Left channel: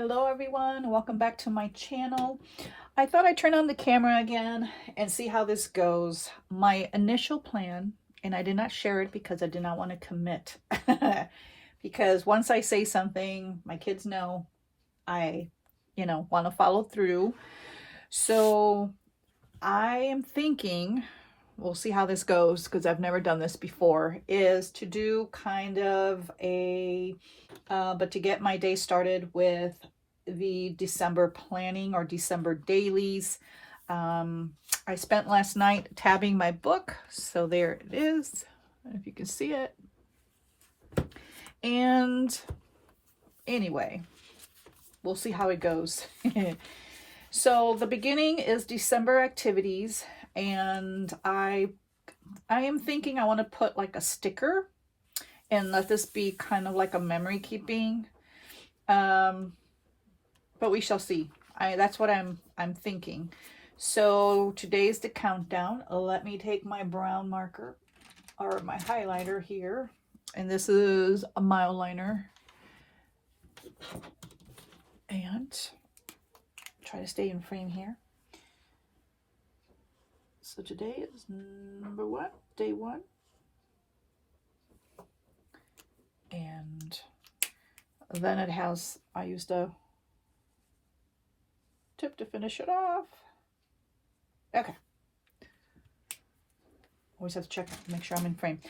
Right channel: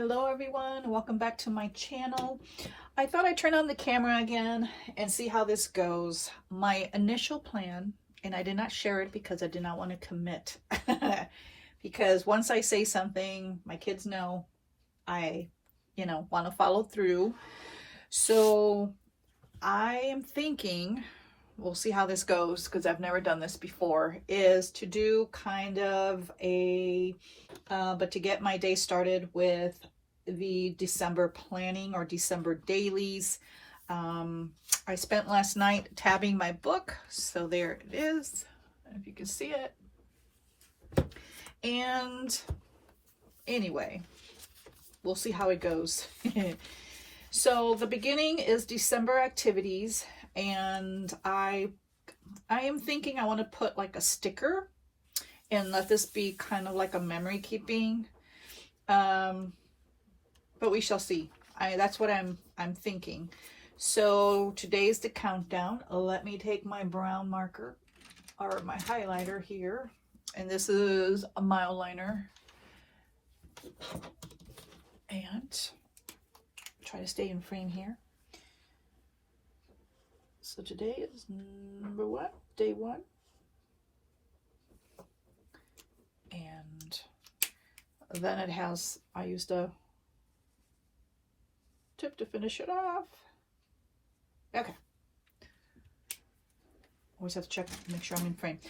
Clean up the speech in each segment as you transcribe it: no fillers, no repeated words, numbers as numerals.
Hello everyone, welcome back to my channel. I thought I'd turn on the camera again and see how this goes. My initial plan, and I did not share it because I did not want to commit. Because once I say something, my kids know I, want to follow through. So I am thinking, we'll see how this goes because I've never done this before, is to do kind of a but to get my day started with the December planning or December dailies. I spent last night tabbing my book, so there it is, if you can see it. And anyway, we'll see how it goes. So the beginning is December activities, and I am thinking I want to put like a sticker and let this be kind of like a memory keeping. But we shall see. That's what I'm thinking. So today's the countdown. Let me take my brown marker or my highlighter here, and this is a mile liner, and try to stay in frame here. So today is day one. And then it has, I used a tip to finish it off. Okay. Always have to check to make sure I'm in frame.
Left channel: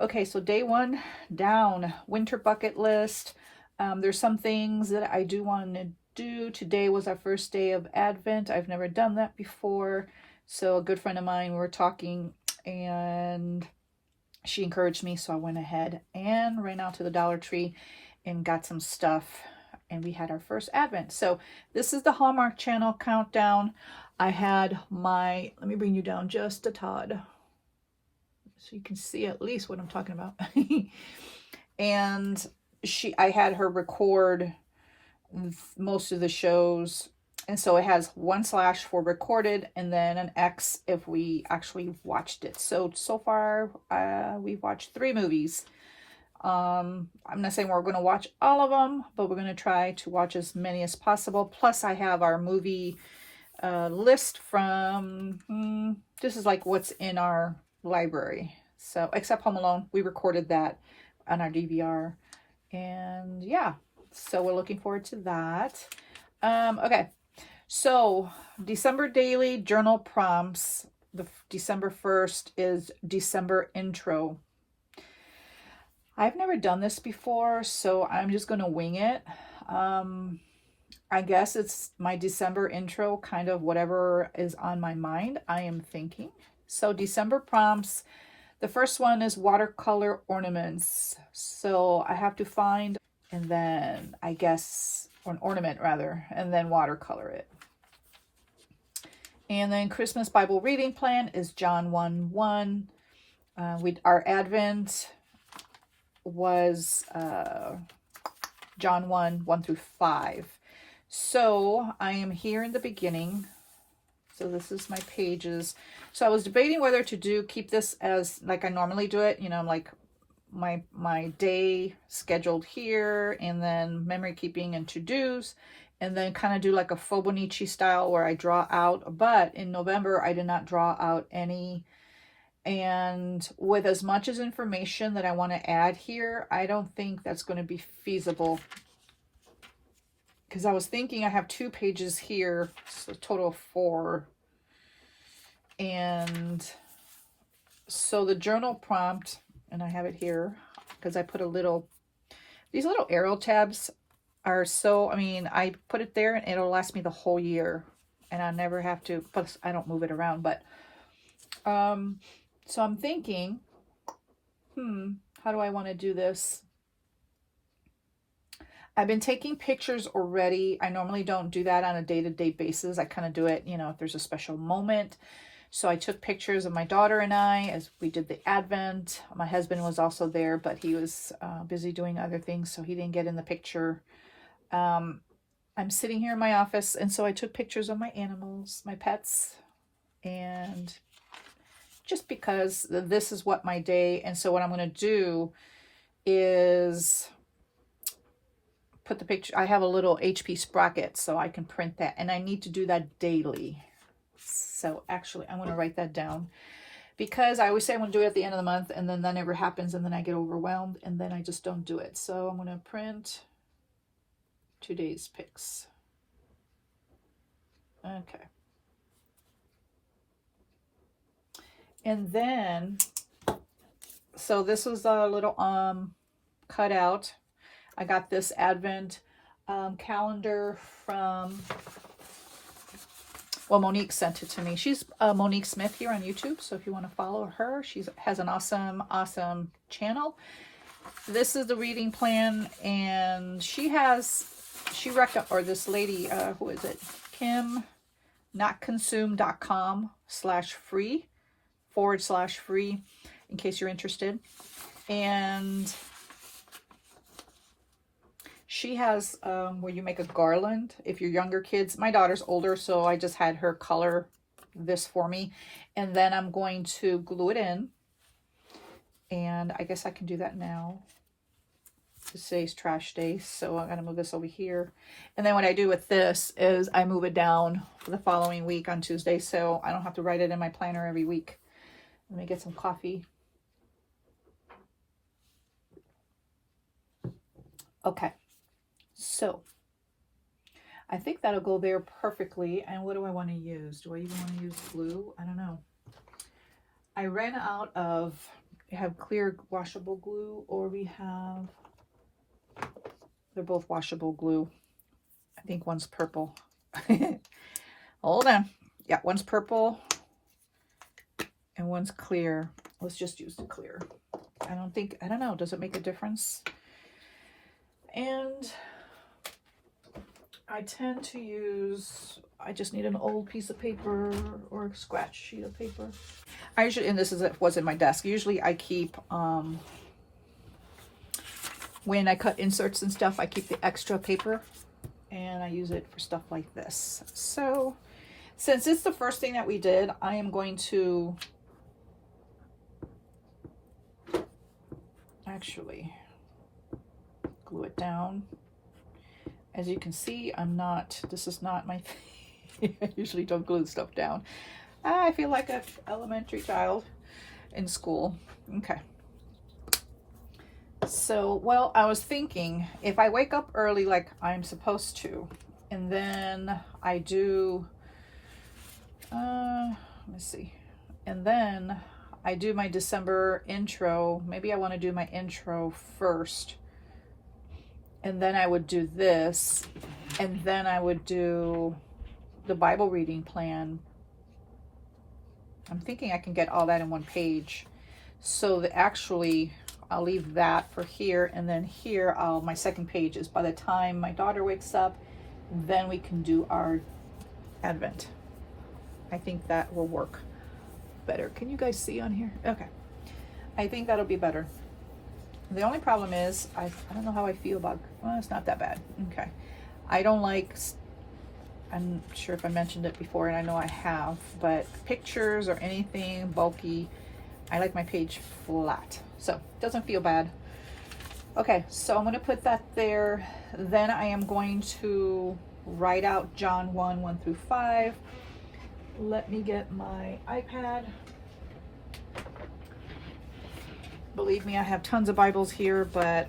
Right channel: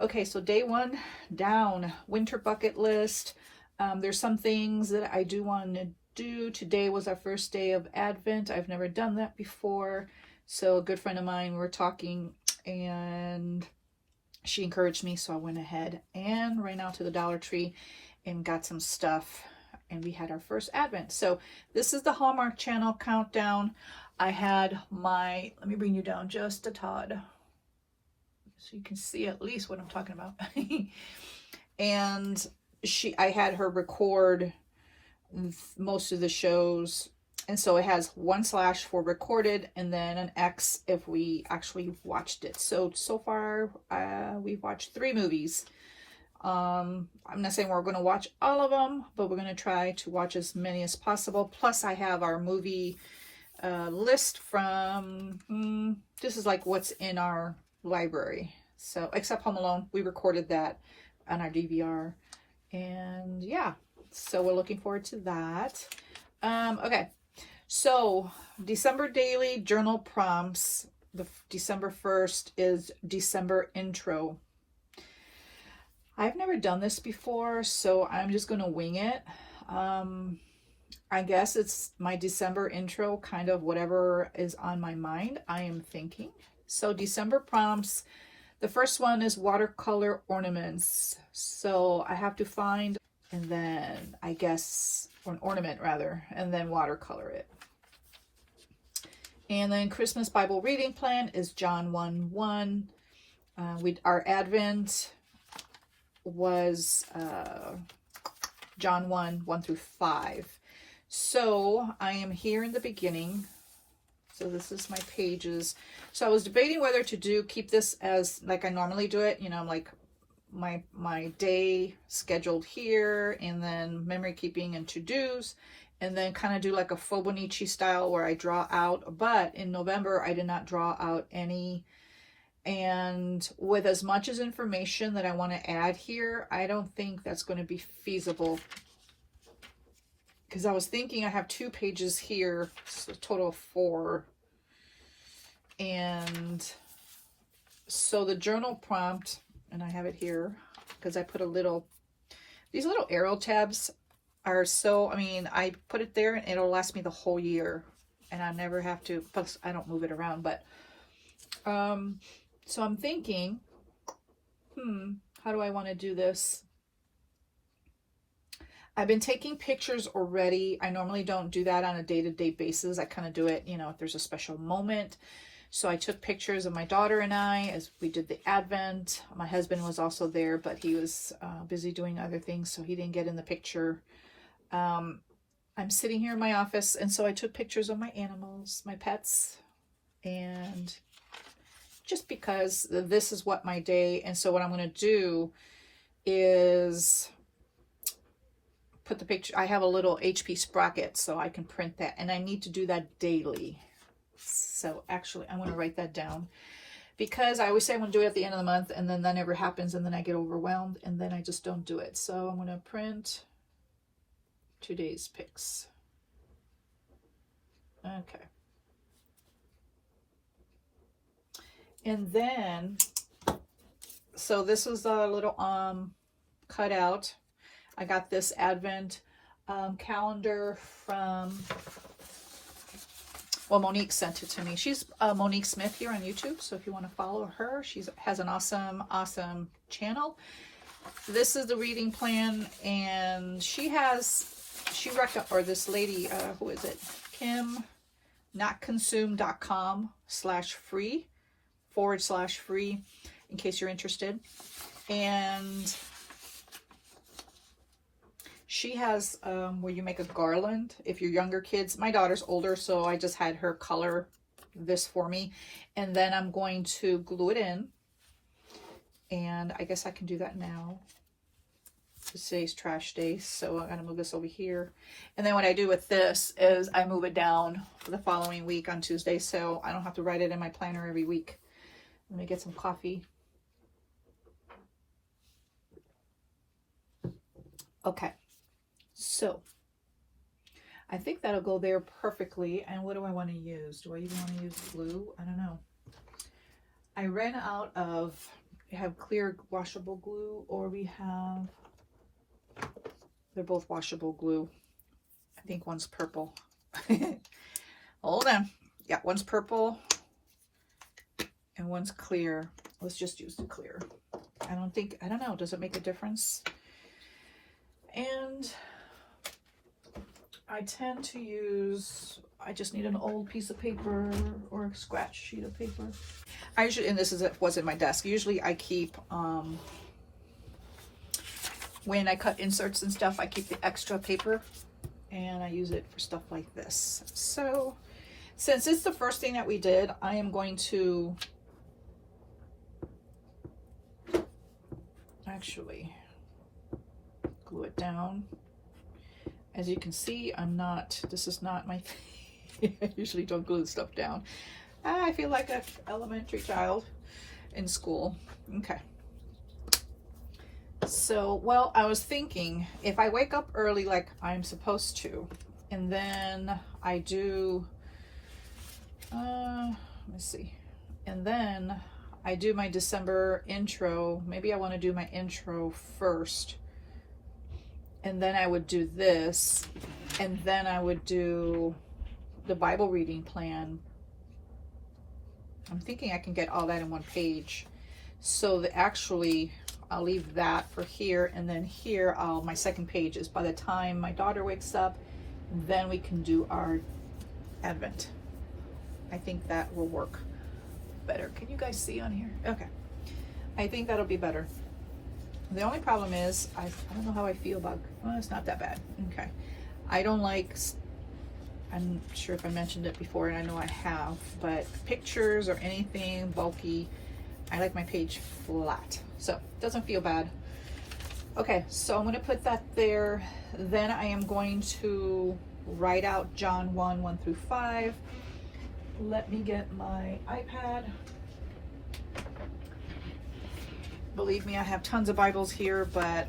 Okay, so day one down, winter bucket list. There's some things that I do want to do. Today was our first day of Advent. I've never done that before. So a good friend of mine, we were talking and she encouraged me, so I went ahead and ran out to the Dollar Tree and got some stuff, and we had our first Advent. So this is the Hallmark Channel countdown. I had my, let me bring you down just a tad so you can see at least what I'm talking about. And I had her record most of the shows. And so it has 1/ for recorded and then an X if we actually watched it. So far, we've watched 3 movies. I'm not saying we're going to watch all of them, but we're going to try to watch as many as possible. Plus, I have our movie list from, this is like what's in our library. So, except Home Alone, we recorded that on our DVR. And yeah, so we're looking forward to that. Okay. So, December daily journal prompts. The December 1st is December intro. I've never done this before, so I'm just going to wing it. I guess it's my December intro, kind of whatever is on my mind, I am thinking. So, December prompts. The first one is watercolor ornaments. So, I have to find, and then I guess, or an ornament rather, and then watercolor it. And then Christmas Bible reading plan is John 1:1. Our Advent was John 1:1-5. So I am here in the beginning. So this is my pages. So I was debating whether to keep this as like I normally do it, like my day scheduled here, and then memory keeping and to-dos, and then kind of do like a Fobonichi style where I draw out. But in November, I did not draw out any. And with as much as information that I want to add here, I don't think that's going to be feasible. Because I was thinking I have 2 pages here, so a total of 4. And so the journal prompt, and I have it here because I put these little arrow tabs are so, I put it there and it'll last me the whole year, and I never have to, plus I don't move it around. But so I'm thinking, how do I want to do this? I've been taking pictures already. I normally don't do that on a day-to-day basis. I kind of do it, if there's a special moment. So I took pictures of my daughter and I as we did the Advent. My husband was also there, but he was busy doing other things, so he didn't get in the picture. I'm sitting here in my office, and so I took pictures of my animals, my pets, and just because this is what my day, and so what I'm going to do is put the picture. I have a little HP sprocket so I can print that, and I need to do that daily. So actually I'm going to write that down, because I always say I'm going to do it at the end of the month, and then that never happens, and then I get overwhelmed, and then I just don't do it. So I'm going to print today's pics. Okay. And then, so this is a little cutout. I got this Advent calendar from, well, Monique sent it to me. She's Monique Smith here on YouTube, so if you want to follow her, she has an awesome channel. This is the reading plan, and this lady, who is it? Kim, notconsume.com/free in case you're interested. And she has where you make a garland if you're younger kids. My daughter's older, so I just had her color this for me, and then I'm going to glue it in, and I guess I can do that now. Today's trash day, so I'm gonna move this over here, and then what I do with this is I move it down for the following week on Tuesday, so I don't have to write it in my planner every week. Let me get some coffee. Okay, so I think that'll go there perfectly. And what do I want to use? Do I even want to use glue? I don't know. I ran out of, we have clear washable glue, or we have, they're both washable glue. I think one's purple. Hold on. Yeah, one's purple and one's clear. Let's just use the clear. I don't know, does it make a difference? And I tend to use, I just need an old piece of paper or a scratch sheet of paper. I usually, and this is was in my desk, usually I keep, when I cut inserts and stuff, I keep the extra paper, and I use it for stuff like this. So since it's the first thing that we did, I am going to actually glue it down. As you can see, this is not my thing. I usually don't glue stuff down. I feel like an elementary child in school. Okay. So, well, I was thinking if I wake up early like I'm supposed to, and then I do, let me see, and then I do my December intro. Maybe I want to do my intro first, and then I would do this, and then I would do the Bible reading plan. I'm thinking I can get all that in one page. So that actually, I'll leave that for here, and then here, my second page is by the time my daughter wakes up, then we can do our Advent. I think that will work better. Can you guys see on here? Okay. I think that'll be better. The only problem is, I don't know how I feel about, well, it's not that bad. Okay. I don't like, I'm not sure if I mentioned it before, and I know I have, but pictures or anything bulky, I like my page flat. So it doesn't feel bad. Okay, so I'm going to put that there. Then I am going to write out John 1 through 5. Let me get my iPad. Believe me, I have tons of Bibles here, but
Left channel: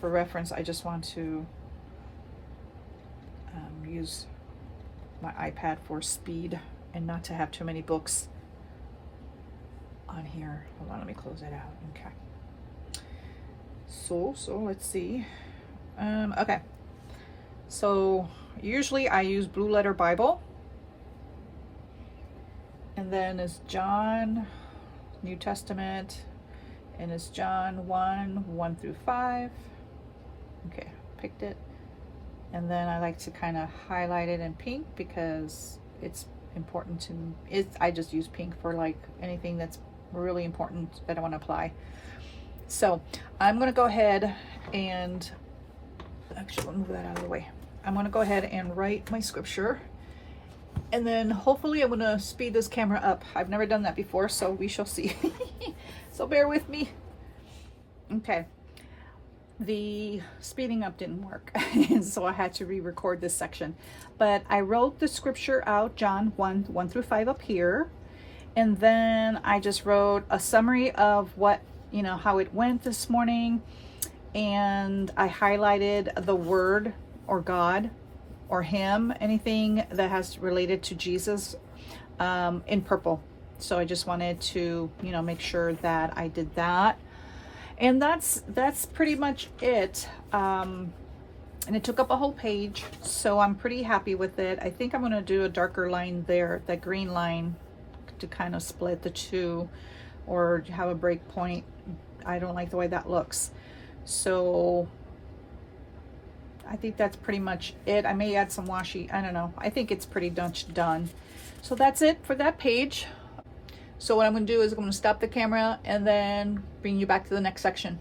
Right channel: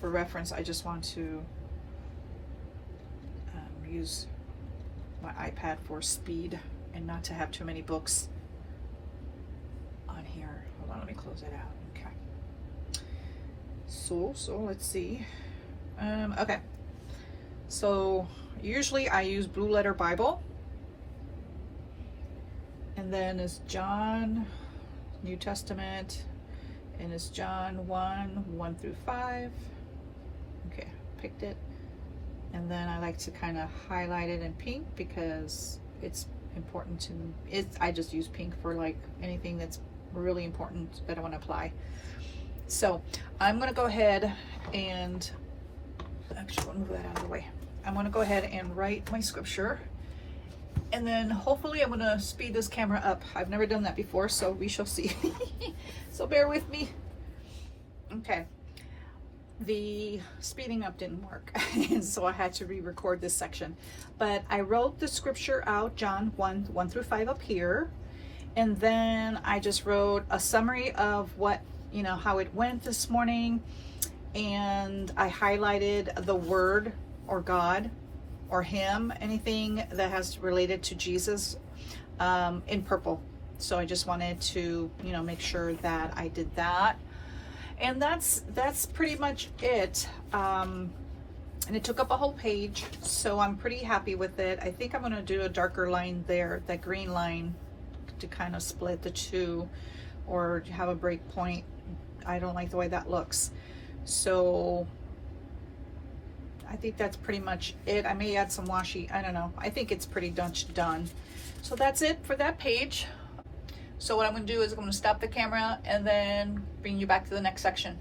for reference, I just want to use my iPad for speed and not to have too many books on here. Hold on, let me close it out. Okay. So let's see. Okay. So usually I use Blue Letter Bible. And then it's John, New Testament, and it's John 1 through 5. Okay, picked it. And then I like to kind of highlight it in pink because it's important to me. I just use pink for like anything that's really important that I want to apply. So I'm going to go ahead and actually move that out of the way. I'm going to go ahead and write my scripture, and then hopefully I'm going to speed this camera up. I've never done that before, so we shall see. So bear with me. Okay. the speeding up didn't work. And so I had to re-record this section. But I wrote the scripture out, John 1 through 5 up here. And then I just wrote a summary of what, how it went this morning. And I highlighted the word or God or him, anything that has related to Jesus, in purple. So I just wanted to, make sure that I did that. And that's pretty much it. And it took up a whole page, so I'm pretty happy with it. I think I'm going to do a darker line there, that green line, to kind of split the two, or have a break point. I don't like the way that looks. So I think that's pretty much it. I may add some washi, I don't know. I think it's pretty much done. So that's it for that page. So what I'm going to do is I'm going to stop the camera and then bring you back to the next section.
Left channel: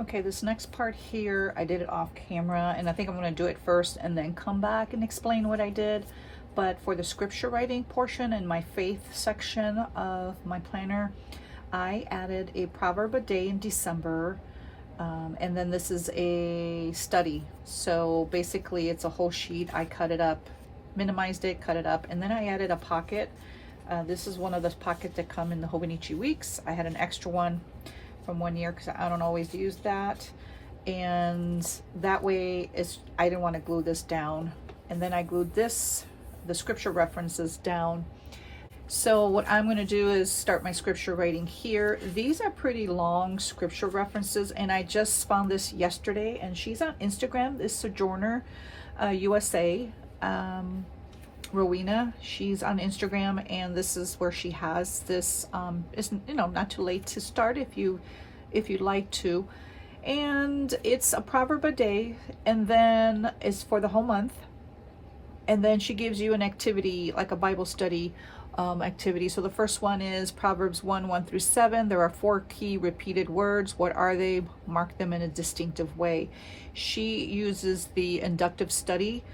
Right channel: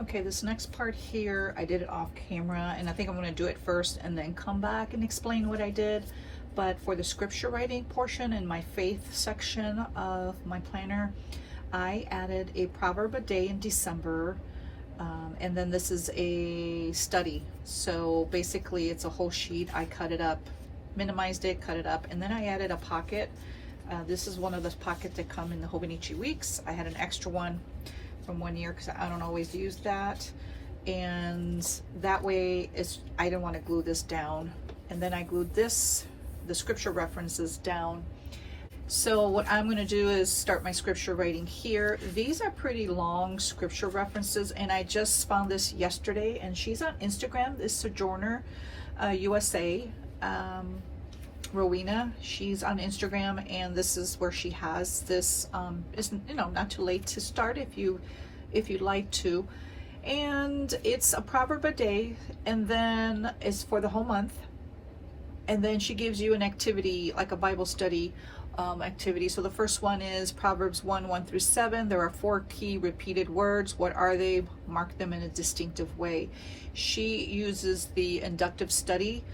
Okay, this next part here, I did it off camera, and I think I'm going to do it first and then come back and explain what I did. But for the scripture writing portion and my faith section of my planner, I added a proverb a day in December. And then this is a study. So basically it's a whole sheet. I cut it up, minimized it, cut it up, and then I added a pocket. This is one of those pockets that come in the Hobonichi weeks. I had an extra one from 1 year because I don't always use that. And that way I didn't want to glue this down. And then I glued this, the scripture references, down. So what I'm going to do is start my scripture writing here. These are pretty long scripture references, and I just found this yesterday, and she's on Instagram, this Sojourner USA, Rowena. She's on Instagram, and this is where she has this. It's, not too late to start if you'd like to. And it's a proverb a day, and then it's for the whole month. And then she gives you an activity, like a Bible study activity. So the first one is Proverbs 1 through 7. There are 4 key repeated words. What are they? Mark them in a distinctive way. She uses the inductive study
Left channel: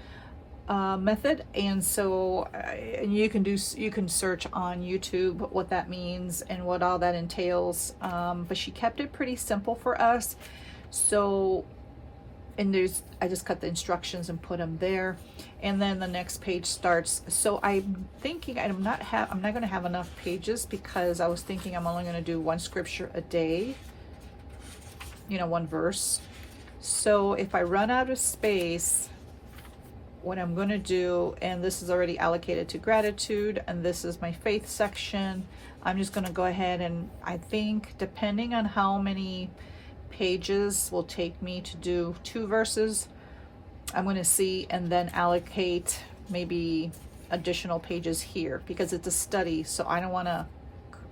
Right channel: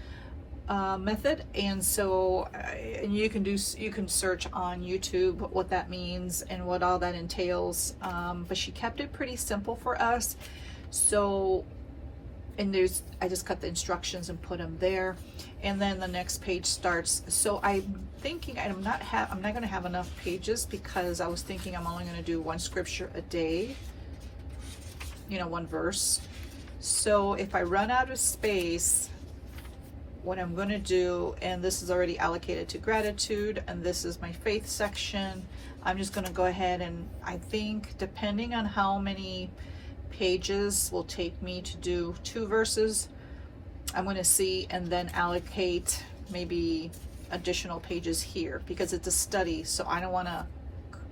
method, and so and you can search on YouTube what that means and what all that entails. But she kept it pretty simple for us. So, and I just cut the instructions and put them there, and then the next page starts. So I'm thinking I'm not going to have enough pages, because I was thinking I'm only going to do 1 scripture a day, 1 verse. So if I run out of space, what I'm going to do, and this is already allocated to gratitude, and this is my faith section, I'm just going to go ahead, and I think depending on how many pages will take me to do 2 verses, I'm going to see, and then allocate maybe additional pages here, because it's a study, so I don't want to,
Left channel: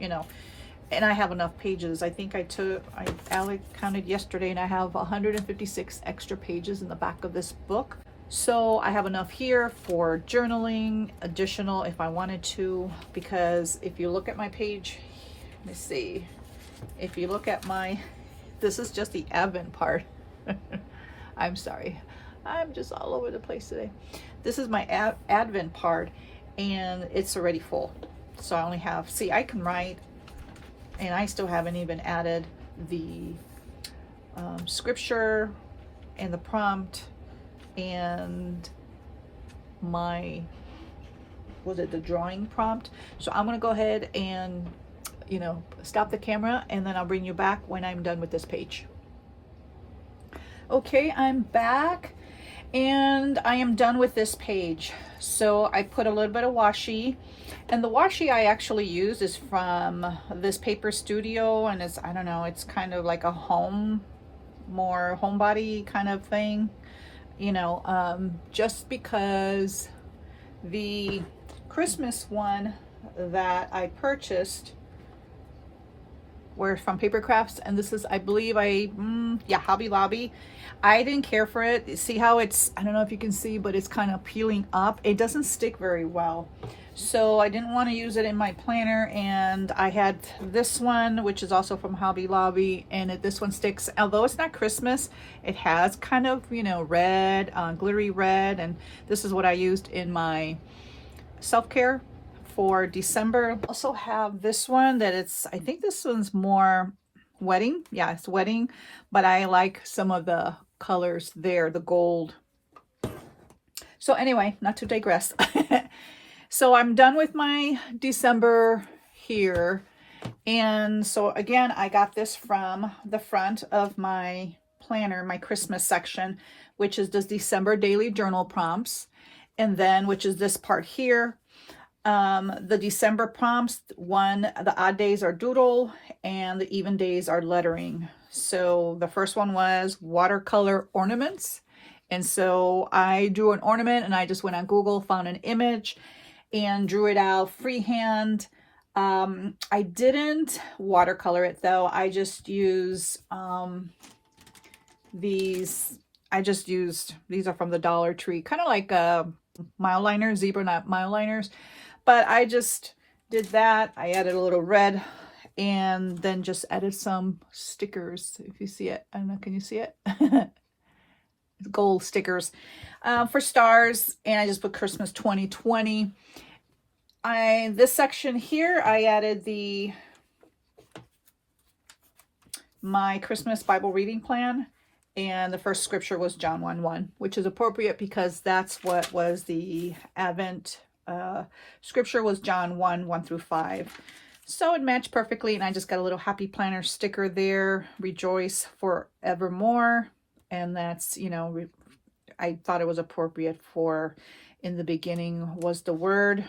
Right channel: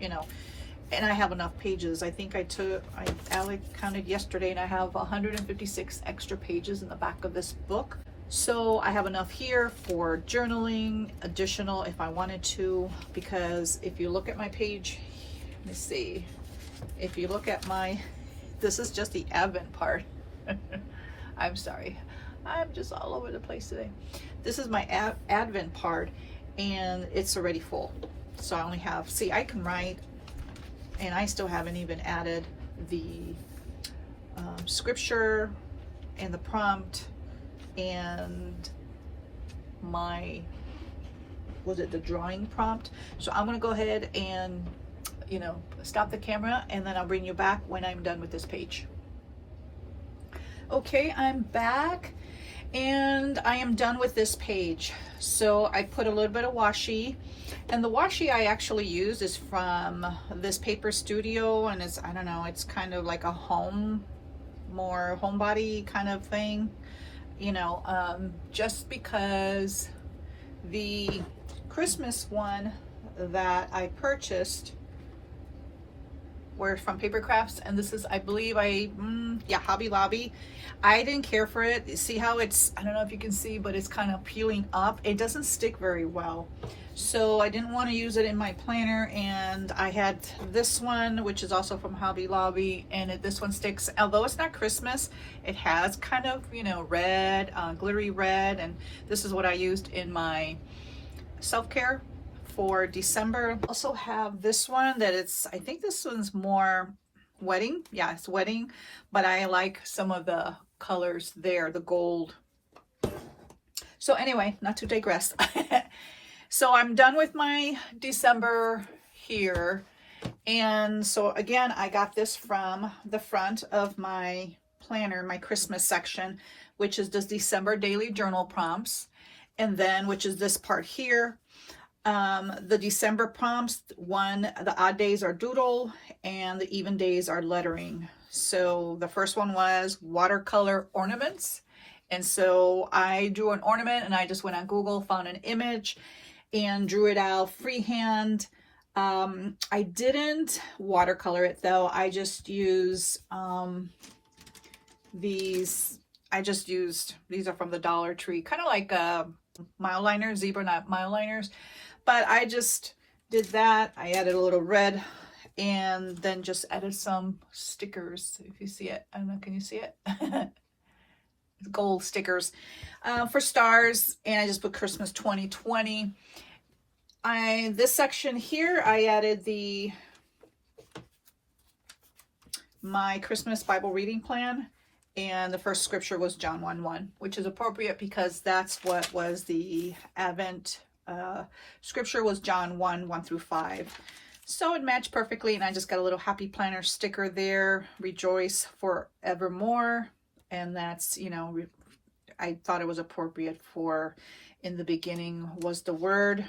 and I have enough pages. I think I counted yesterday, and I have 156 extra pages in the back of this book. So I have enough here for journaling, additional if I wanted to, because if you look at my page, let me see, if you look at this is just the Advent part. I'm sorry, I'm just all over the place today. This is my Advent part, and it's already full. So I only have, I can write, and I still haven't even added the scripture and the prompt and the drawing prompt. So I'm gonna go ahead and stop the camera, and then I'll bring you back when I'm done with this page. Okay, I'm back, and I am done with this page. So I put a little bit of washi, and the washi I actually used is from this paper studio, and it's, I don't know, it's kind of like a homebody kind of thing, just because the Christmas one that I purchased were from Paper Crafts, and this is, I believe, Hobby Lobby. I didn't care for it. See how it's, I don't know if you can see, but it's kind of peeling up. It doesn't stick very well, so I didn't want to use it in my planner. And I had this one, which is also from Hobby Lobby, and this one sticks. Although it's not Christmas, it has kind of, red, glittery red, and this is what I used in my self-care for December. I also have this one that I think this one's more Wedding. Yeah, it's wedding, but I like some of the colors there, the gold. So anyway, not to digress. So I'm done with my December here. And so again, I got this from the front of my planner, my Christmas section, which is the December daily journal prompts. And then, which is this part here, the December prompts, the odd days are doodle and the even days are lettering. So the first one was watercolor ornaments. And so I drew an ornament and I just went on Google, found an image and drew it out freehand. I didn't watercolor it though. I just use these. These are from the Dollar Tree, kind of like mile liners, zebra knot mile liners. But I just did that. I added a little red and then just added some stickers. If you see it, I don't know, can you see it? Gold stickers for stars, and I just put Christmas 2020. This section here, I added my Christmas Bible reading plan, and the first scripture was John 1:1, which is appropriate because that's what was the Advent scripture, was John 1:1 through 5. So it matched perfectly, and I just got a little happy planner sticker there, rejoice forevermore. And that's, you know, I thought it was appropriate for in the beginning was the word.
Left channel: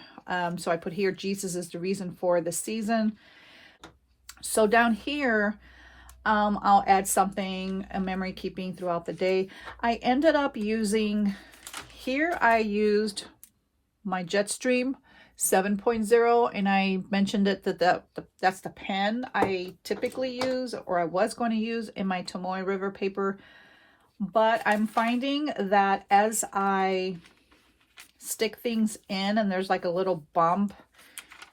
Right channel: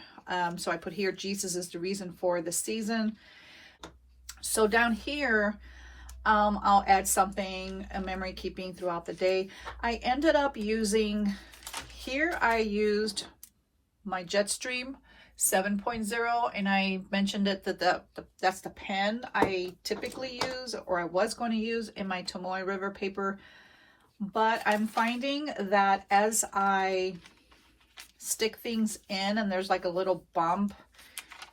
So I put here, Jesus is the reason for the season. So down here, I'll add something, a memory keeping throughout the day. I ended up using, here I used my Jetstream 7.0, and I mentioned it that that's the pen I typically use, or I was going to use in my Tomoe River paper. But I'm finding that as I stick things in and there's like a little bump,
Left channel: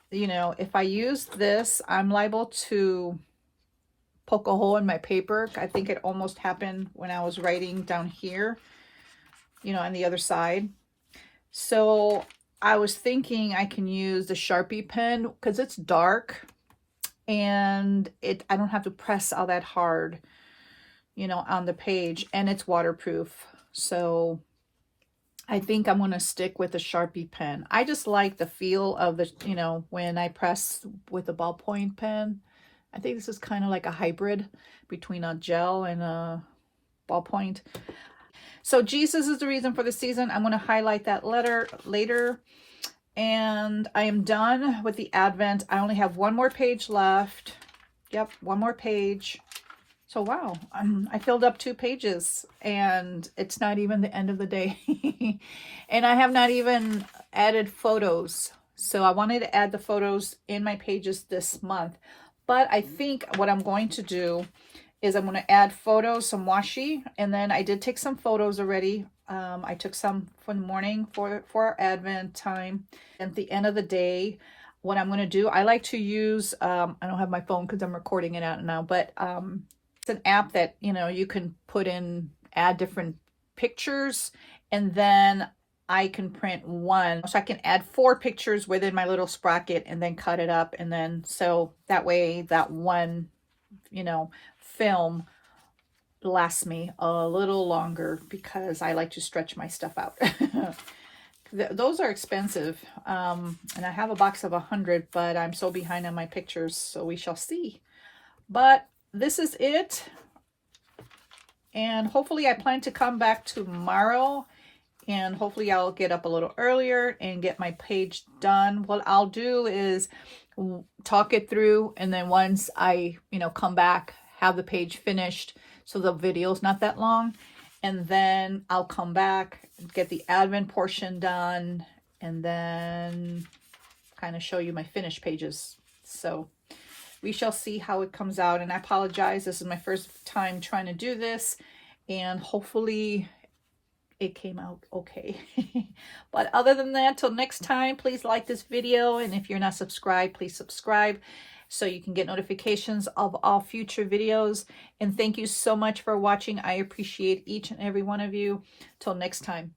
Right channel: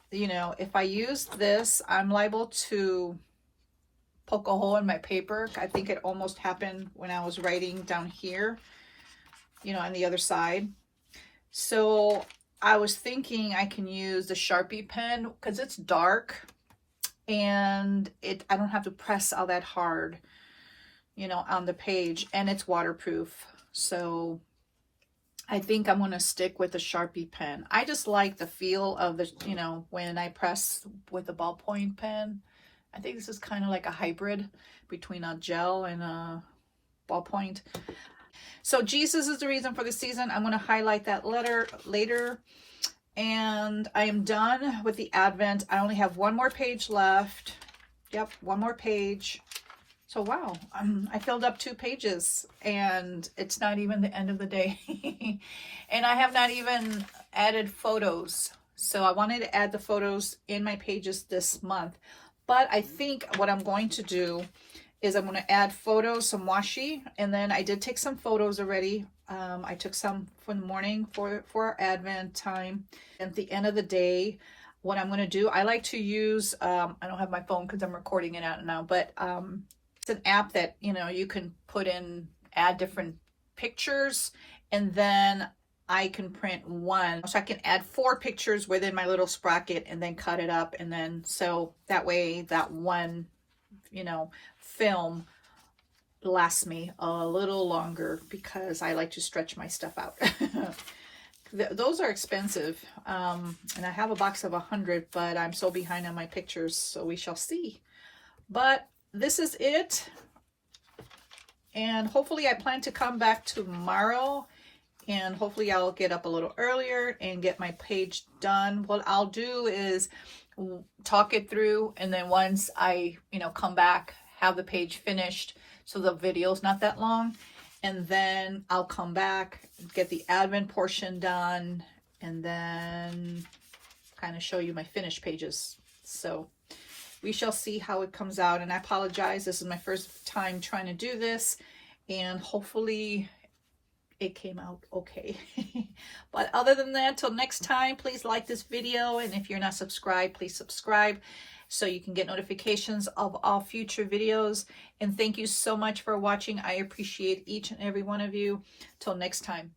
you know, if I use this, I'm liable to poke a hole in my paper. I think it almost happened when I was writing down here, you know, on the other side. So I was thinking I can use the Sharpie pen because it's dark and I don't have to press all that hard, you know, on the page, and it's waterproof. So I think I'm going to stick with the Sharpie pen. I just like the feel of the, you know, when I press with a ballpoint pen. I think this is kind of like a hybrid between a gel and a ballpoint. So Jesus is the reason for the season. I'm going to highlight that letter later. And I am done with the Advent. I only have one more page left. Yep, one more page. So wow, I filled up 2 pages and it's not even the end of the day. And I have not even added photos. So I wanted to add the photos in my pages this month. But I think what I'm going to do is I'm going to add photos, some washi, and then I did take some photos already. I took some for the morning for our Advent time. At the end of the day, what I'm going to do, I like to use, I don't have my phone because I'm recording it out now, but it's an app that, you know, you can put in, add different pictures, and then I can print one. So I can add 4 pictures within my little sprocket and then cut it up. And then, so that way that one, you know, film lasts me a little longer because I like to stretch my stuff out. Those are expensive. And I have a box of 100, but I'm so behind on my pictures. So we shall see. But this is it, and hopefully I plan to come back tomorrow, and hopefully I'll get up a little earlier and get my page done. What I'll do is talk it through, and then once I, you know, come back, have the page finished so the video's not that long, and then I'll come back, get the admin portion done, and then kind of show you my finished pages. So we shall see how it comes out, and I apologize. This is my first time trying to do this, and hopefully it came out okay. But other than that, till next time, please like this video, and if you're not subscribed, please subscribe so you can get notifications of all future videos. And thank you so much for watching. I appreciate each and every one of you. Till next time.